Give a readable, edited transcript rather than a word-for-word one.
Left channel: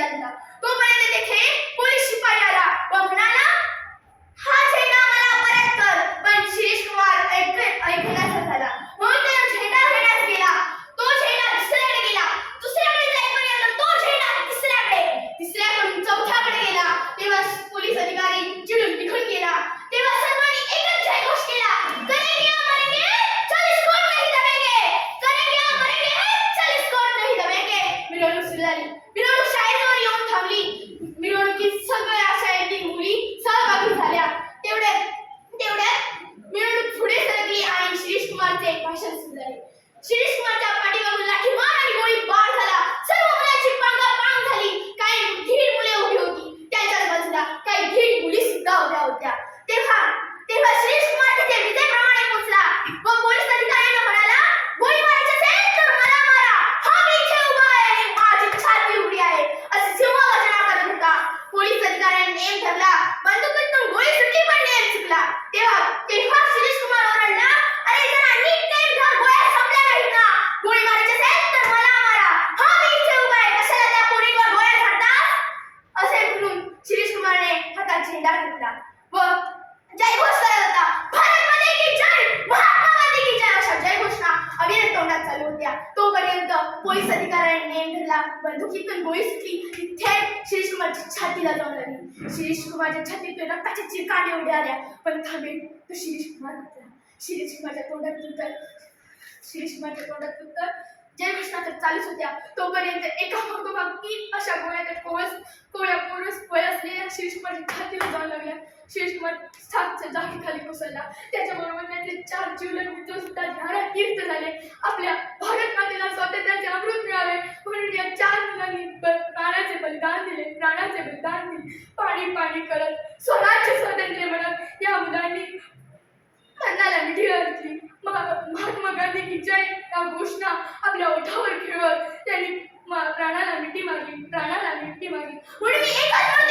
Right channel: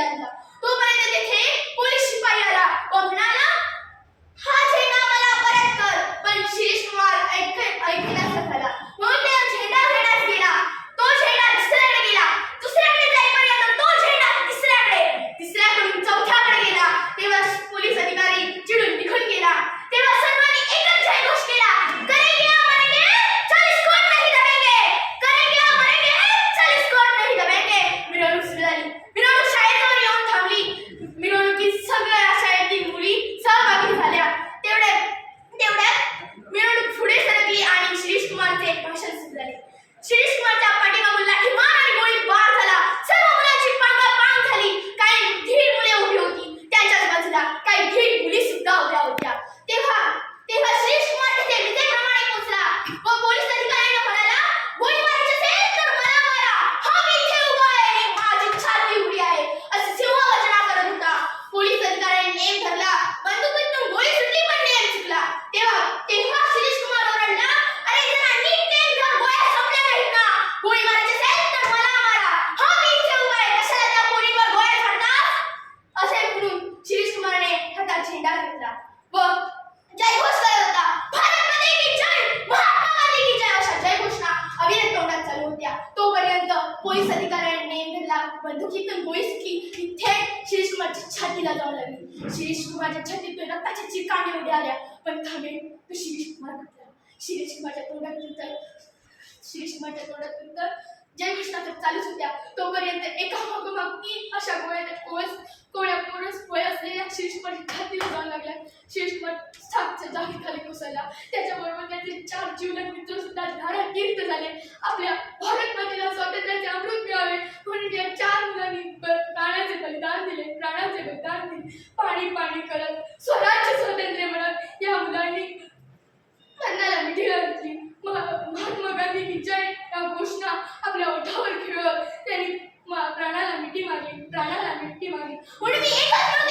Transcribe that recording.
झेंडा दिला. तोपर्यंत तेथे पोलीस शिपाई आला व म्हणाला, हा झेंडा मला परत कर. पण शिरीष कुमार ऐकण्याचा झाला म्हणून त्याने झेंडा घेण्यास गेला. तो झेंडा दुसऱ्याकडे गेला. दुसऱ्याकडे जाईपर्यंत तो झेंडा तिसऱ्याकडून चौथ्याकडे गेला. तेव्हा पोलीस अधिकारी चिडून निघून गेला. तेव्हा सर्वांनी एकच जयघोष केला, करेंगे या मरेंगे, 40 कोट नहीं दबेंगे. करेंगे या मरेंगे, 40 कोट नहीं दबेंगे. मिरवणूक सुरू झाली. मिरवणूक शाळेजवळ येऊन थांबली. मिरवणुकीत सगळ्या शाळेतील मुली सहभागी झाल्या. तेवढ्यात मिरवणूक पुढे सरकली आणि शिरीष कुमारचे भाषण सुरू झाले. शिरीष कुमारच्या पाठीमागून लाठीमार आणि गोळीबार झाला. सर्व मुलांची पांगापांग झाली. काही धीर मुले उभी होती त्यांच्याच बाजूला, काही धीर मुली सुद्धा उभ्या होत्या. तेव्हा शिरीष कुमार तिथे विजेप्रमाणे पोहोचला व पोलीस अधिकाऱ्यांना म्हणाला, गोळी मारायची असेल तर मला मारा. हा मी इथे उभा आहे आणि माझी छाती उघडी आहे असे सिंहगर्जना करत होता. पोलीस अधिकाऱ्यांनी नेम धरला. बंदुकीतून गोळी सुटली पण नेम चुकला. तेव्हा शिरीष कुमार ओरडला, अरे जरा नीट नेम धर, गोळ्या संपल्या नाहीत ना. गोळी मारायची असेल तर मला मारा. हा मी इथे उभा आहे, कशाला त्या पोरीवर गोळ्या झाडतास? असे म्हणून शिरीष कुमारने हातात झेंडा घेतला व जयघोष करत होता. भारत माता की जय, महात्मा गांधी की जय अशा जयघोषणा अविरत तोंडात चालू होत्या. तोपर्यंत पोलीस अधिकाऱ्याने नेम धरला. बंदुकीतून गोळी सुटली. थेट शिरीष कुमारच्या छातीला जाऊन लागली. शिरीष कुमारच्या छातीतून रक्ताच्या चिरकांड्या उड्या आल्या. पण थांबेल तो शिरीष कुमार होता. शिरीष कुमारच्या तोंडात उत्तर जयघोषणा चालूच होत्या. तोपर्यंत एका मागोमाग 3 अशा गोळ्या असलेल्या शिरीष कुमारच्या छातीला जाऊन लागल्या. शिरीष कुमार सापच्या जागेखाली कोसळला. त्याच्याबरोबर त्याचे 4 जीवलग मित्र सुद्धा धारातीर्थ झाले. आपल्या भारत मातेला स्वातंत्र्याचे अमृत मिळावे म्हणून या 4 मुलांनी प्राणाचे बलिदान दिले. पाणी करत स्वराज्य स्वातंत्र्य म्हणत या मुलांनी मरणाला मिठी घातली. महात्मा गांधी की जय या घोषणा आपल्या ओठावर खेळत त्यांनी प्राणाला मिठी मारली. म्हणून मी एकच म्हणून